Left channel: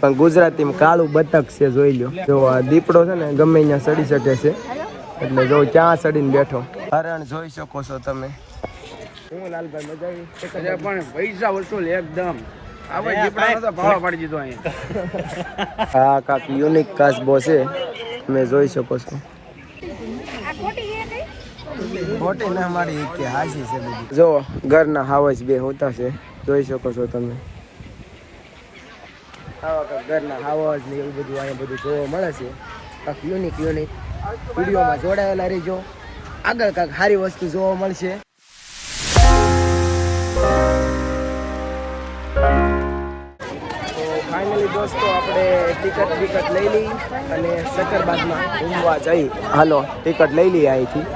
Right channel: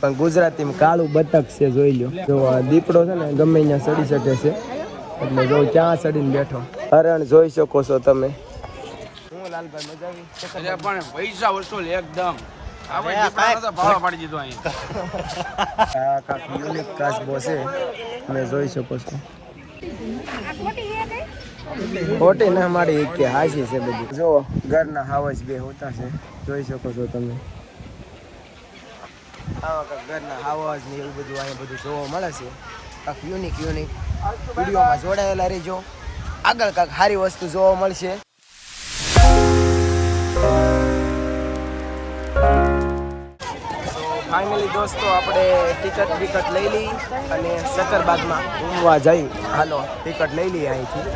પણ ગુજરાતીમાં કાળું બતક છે, જોઈ લો. જો આ દીપડો છે ને ગમે ત્યાં ચડી શકે છે, એટલે જો ક્યાં ચડીને બેઠો. હરણ જોઈ શકો છો તમે. હું લાલભાઈ મજા આવી પણ પૈસા વસૂલ એકદમ. હા કાક યુનિક કાચબો છે, તમે જોઈ શકો છો. ખોટી ના મારી કે હાસી છે બધી. જો ઘરના હાવસ બે હોતા છે, જોઈ શકો છો તમે. આવા કાંક ઘરના હાવસ ને એવું બધું અહીંયા બધું જોવા મળે છે. કાંક યુનિક વિડીયોમાં જોડાયેલા રહીજો. આગળ કાંક સારી વસ્તુ જોવા મળશે. તો ફાઇનલી દોસ્તો આપણે ટિકિટ લઈ લઈ અને સક્કરબાગમાં ઘૂમવા જઈ. હાલો ટિકિટ લઈ લઈએ અહીંથી.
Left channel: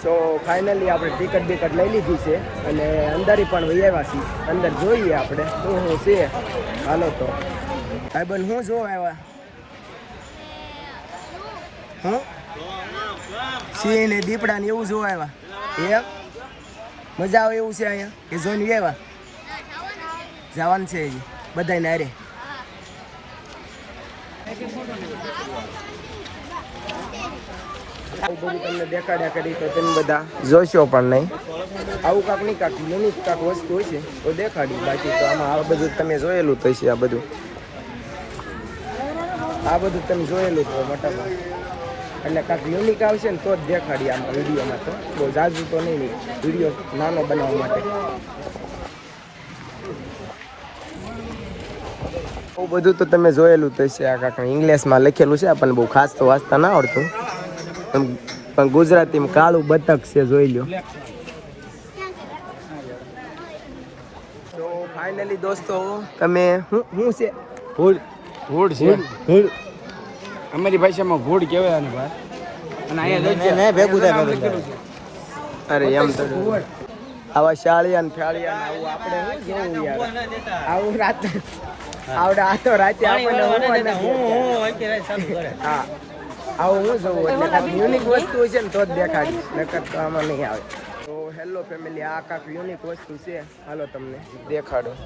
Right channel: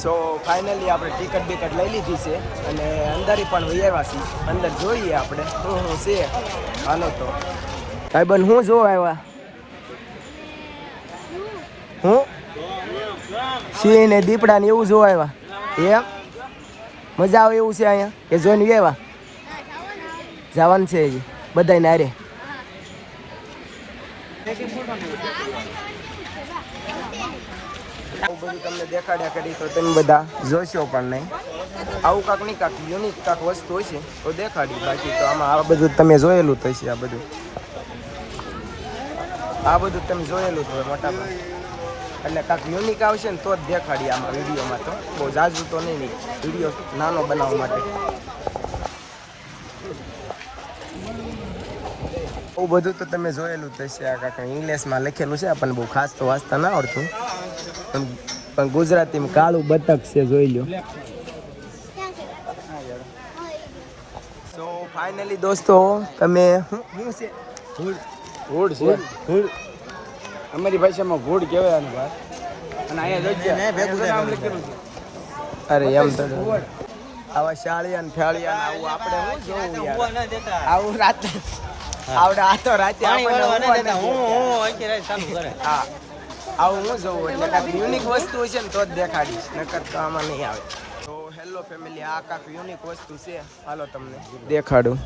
સો ફાઇનલી આપણે ટિકિટ લઈ લીધી છે અને અંદર પણ વહી આવ્યા છીએ. અંદર જોઈએ આપણે શું છે. હાલો તો ભાઈબંધ હું જોવા આવ્યા? હું સિંહ ને દીપડા ને એવું જોવા આવ્યા? મજા આવે એવું છે અહીંયા કે જોઈને આવ્યા? જવાનું છે હજી બધાય નારે. આવું બધું તમને દેખાડ્યા કરી તો તમે બધા જોશો પણ નહીં. આવું કાંક નહીં કાંક યુનિક કાંક વસ્તુ હોય છે તો દેખાડી. બાકી તો આમાં આ બધું તમે જોયેલું જ હશે. આ બધું તમે જોયેલું જ હોય મોટા ભાગ. એટલે કાંક યુનિક આવશે ને તો જ દેખાડી આમાં વિડીયોમાં. તો બહુ ઝાઝું તો નહીં, વિડીયો નાનો બનાવવા માટે. એવું બધું તો તમે જોયેલું તો છે. આ કાંક ઇંગ્લિશમાં લખેલું છે, આપણને બહુ ખાસ તો વાંચતા ના આવડતું, પણ ગુજરાતીમાં કાળું બતક છે, જોઈ લો. તો ફાઇનલી દોસ્તો તમે શું છે? ભૂડ છે. અમારી ભાષામાં ભૂડ કહેવાય. અરે એમ તો આવા શાળિયા ને ફેળિયા ને આવું આપણે શું જોવું યાર? આવું રાત આવડે આ તો રાતે આપણને હા આવું હું જોવું. એટલે કાંઈક યુનિક વસ્તુ છે ને તો જ દેખાડીશ, નકર તો આમાં નહીં આવે. તો હેલો ફેમિલી, આ કાંઈક યુનિક વસ્તુ છે. હાલો તમને દેખાડું.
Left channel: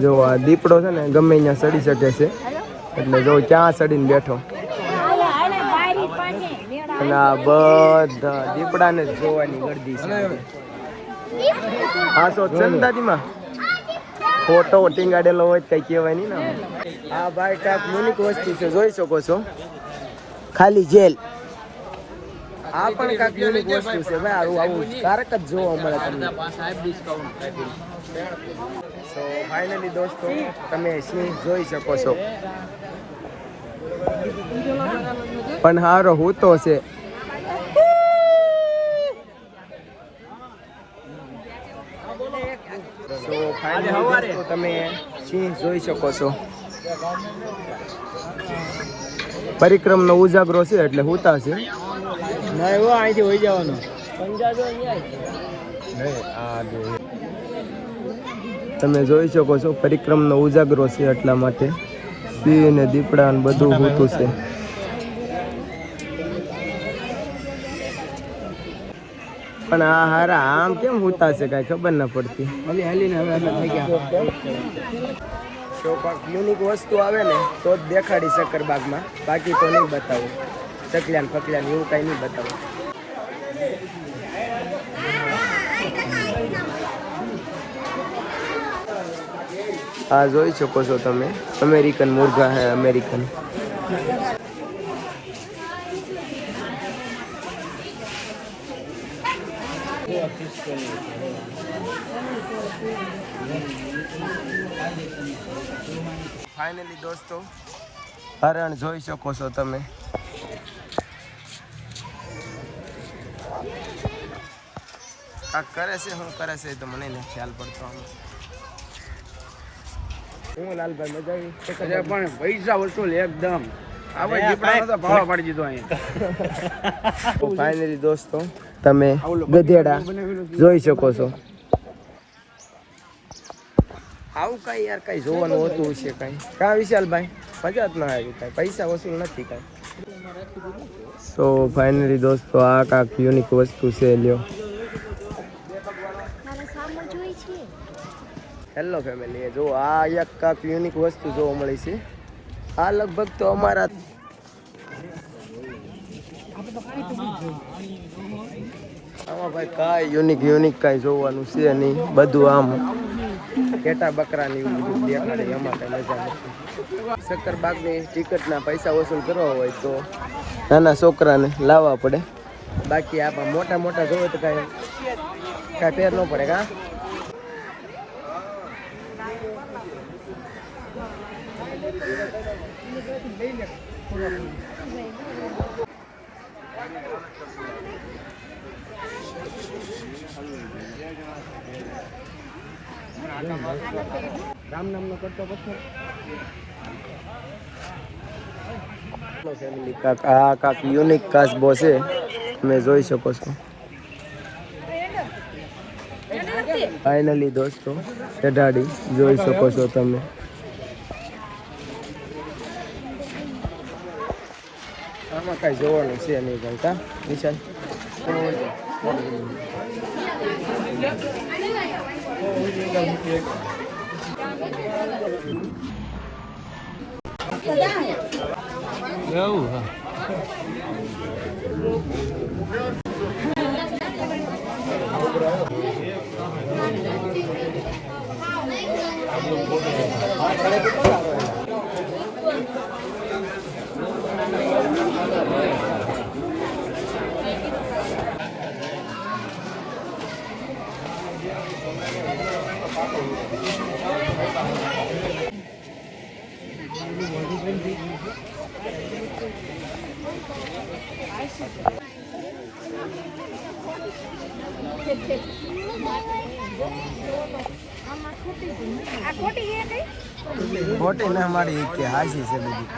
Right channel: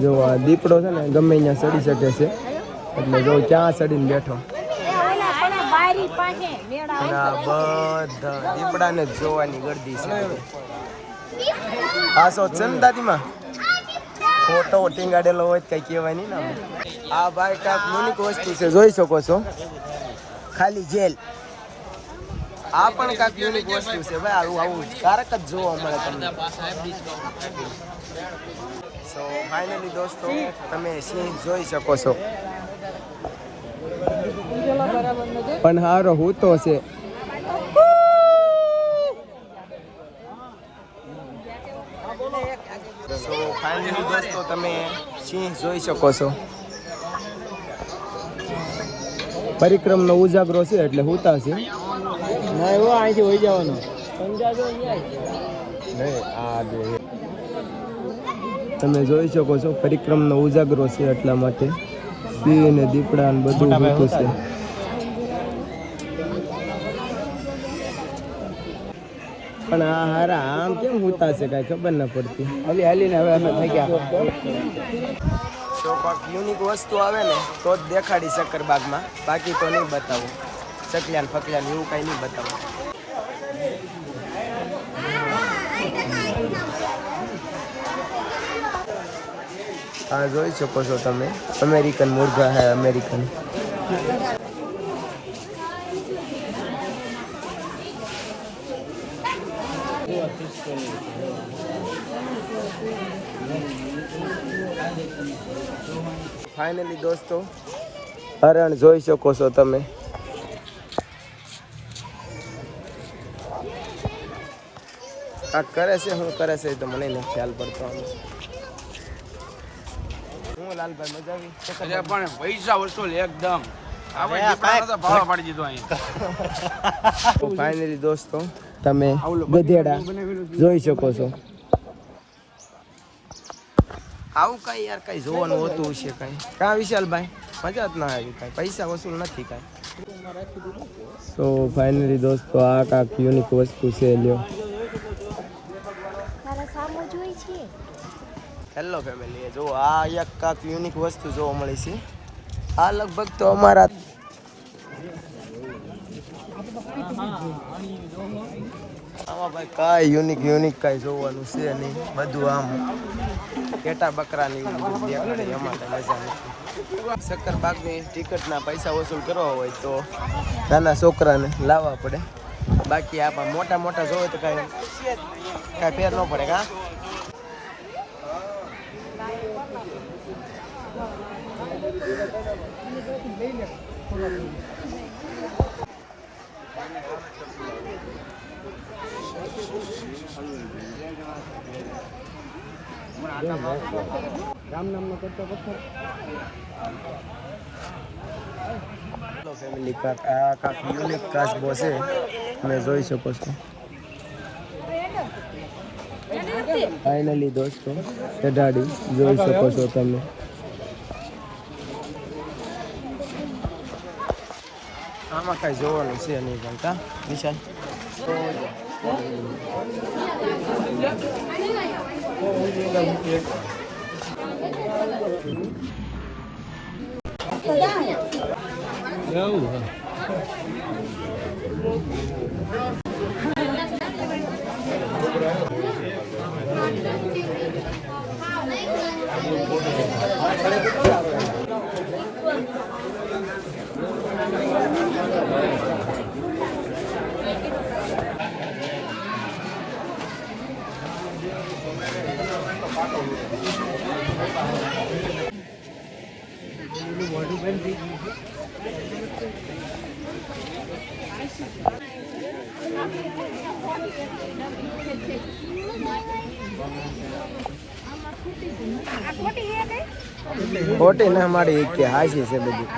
જો આ દીપડો છે ને ગમે ત્યાં ચડી શકે છે, એટલે જો ક્યાં ચડીને બેઠો. અને આ બધા દીપડાને જ જોવાની ગરદી છે બધી. હા સો છે ને દાદીમાં ફોટો ટીંગાડેલો હોય કઈ કહેવાય નહીં ને આમાં. આ ભાઈ કાંઈક યુનિક વસ્તુ છે, જોઈ શકો છો. ખાલી જેલ. આ પણ કાંઈક યુનિક વસ્તુ છે ભાઈ. આવું કારક જ જોવા મળે તમને. સો ફાઇનલી દોસ્તો તમે સિંહ જોઈ શકો છો. પણ હારો હું તો છે. સો ફાઇનલી દોસ્તો તમે સિંહ જોઈ શકો છો. પરિક્રમનો ઉજાગરો છે એટલે હુતા છે. ના એવું અહીંથી હોઈ જવાનું. તમે જોઈ શકો છો પરિક્રમનો ઉજાગરો છે, એટલા માટે સિંહ ને દીપડા ને બધું હોતું છે. પણ આ હારા આમ કેમ હોતા છે કઈ ખબર ના પડતી. તો કાંઈક યુનિક વસ્તુ આવે ને તો જ દેખાડી સક્કરબાગમાં, બાકી તો નહીં બતાવું. ચકલ્યાન ફકલ્યાન એવું કઈ નહીં બતાવું. આ જોઈ શકો છો તમે, અમેરિકન મુર્ગા હે અમેરિકન. ફાઇનલી દોસ્તો હરણ જોઈ શકો છો તમે. કાંક કરે છે, શું કરે છે તો મને નથી ખ્યાલ પડતો. હું લાલભાઈ મજા આવી પણ પૈસા વસૂલ એકદમ. ફાઇનલી દોસ્તો તમે ગધેડા જોઈ શકો છો. આવું કઈ યાર કઈ જોવાનું હોતું છે કઈ કા વિશાલભાઈ? મજા જ ના આવી કઈ, પૈસા વસૂલ નથી કઈ. સો ફાઇનલી દોસ્તો આ કાંક યુનિક વસ્તુ છે. લ્યો હેલો ફેમિલી, જો આ એક કાંક યુનિક વસ્તુ જોવા મળી છે. આ લગભગ તો અમારા આમાં ભાઈ કાંઈ યુનિક કાંઈ જોવાનું છે નહીં. બધું આમ ઘેટા બકરાની એવું બધું દેખાડે, એમાં કાંઈ મજા નથી. શક્કરબાગની ટિકિટના પૈસા વસૂલ કરવા હોય તો નાના છોકરાને લાવવા પડે. બાકી આપણે મોટા જોવે તો કાંઈ ફેર ન પડે. કાં રામ નામ નો કરતો પથ્થર. હેલો ફેમિલી, આ કાક યુનિક કાચબો છે, તમે જોઈ શકો છો. ફાઇનલી દોસ્તો ચઢાડી જોઈ શકો છો તમે. આમાં કાંઈ જોવાનું છે નહીં ભાઈ. કા વિશાલ ખોટી ના મારી કે હાસી છે બધી.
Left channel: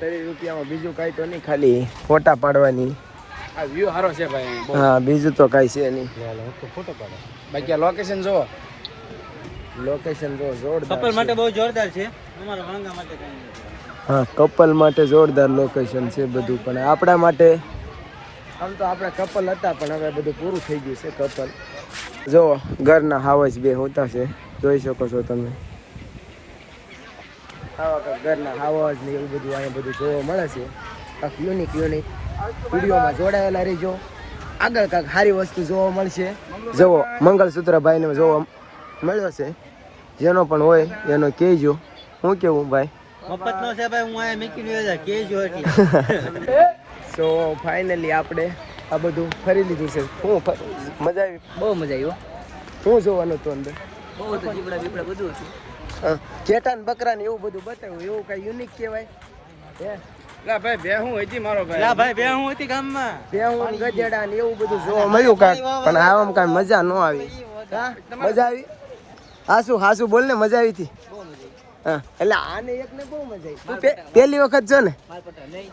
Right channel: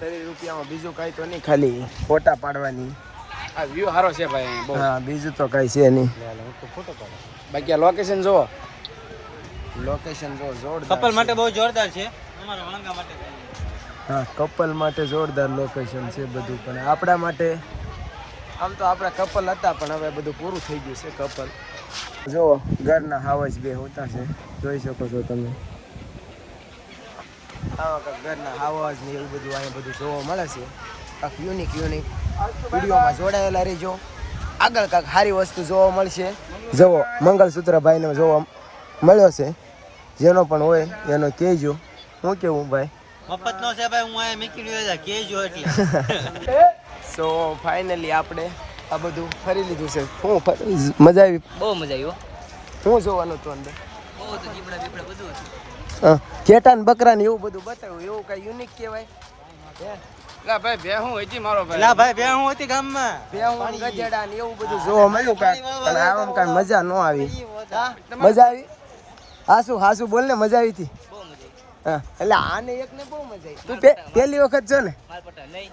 30 રૂપિયામાં બીજું કાંઈ તો નહીં, ખાલી ફોટા પાડવાની. આ વ્યૂ સારો છે ભાઈ. હા, બીજું તો કાંઈ છે નહીં. બાકી લોકેશન જો જોરદાર. કપલ માટે બહુ જોરદાર છે. અમારા વાંગા માટે કઈ હા, કપલ માટે જોરદાર લોકેશન છે બધું. પણ આપણા માટે આમ તો આપણા કપલ હતા, પણ હવે બધું પૂરું થઈ ગયું છે. કપલ જો ઘરના હાવજ બે હોતા છે, જોઈ શકો છો તમે. આવા ઘરના હાવજ ને એવું બધું અહીંયા બધું જોવા મળે છે. કાંક યુનિક વિડીયોમાં જોડાયેલા રહેજો. આગળ કાંક સારી વસ્તુ જોવા મળશે. જુઓ મંગલસૂત્ર ભાઈને જોવા મળ્યો છે. જેનો પણ હોય એનો કહેજો. શું કેવું ભાઈ? મફત નો છે ભાઈ, હું આ મીકી લ્યો કેજો એટલે. સો ફાઇનલી આપણે આ બધું ફરી લીધું છે. શું મજા આવી? બહુ મજા આવી. શું જોવાનું હતું અંદર? બહુ તો જીબડા બીબડા બધું હતું. હા, ઘેટા ને બકરા ને એવું બધું બતાવ્યું. એવું કઈ યુનિક કહેવાય? લા ભાઈ બેહું હતી મારો ભાઈ. લા ભાઈ બેહું હતી ગામમાં. બેહું ગજેડા ને એવું બધું જોવા મળ્યું કાંક. પણ આવામાં કાંઈ મજા ન આવી. હા, મજા આવી? હાસુ બોલ ને, મજા આવી હતી? બહુ મજા આવી. હા, એટલે આને એકને બહુ મજા આવી. તું પહેલી વખત છે ને? માલપટા નહીં.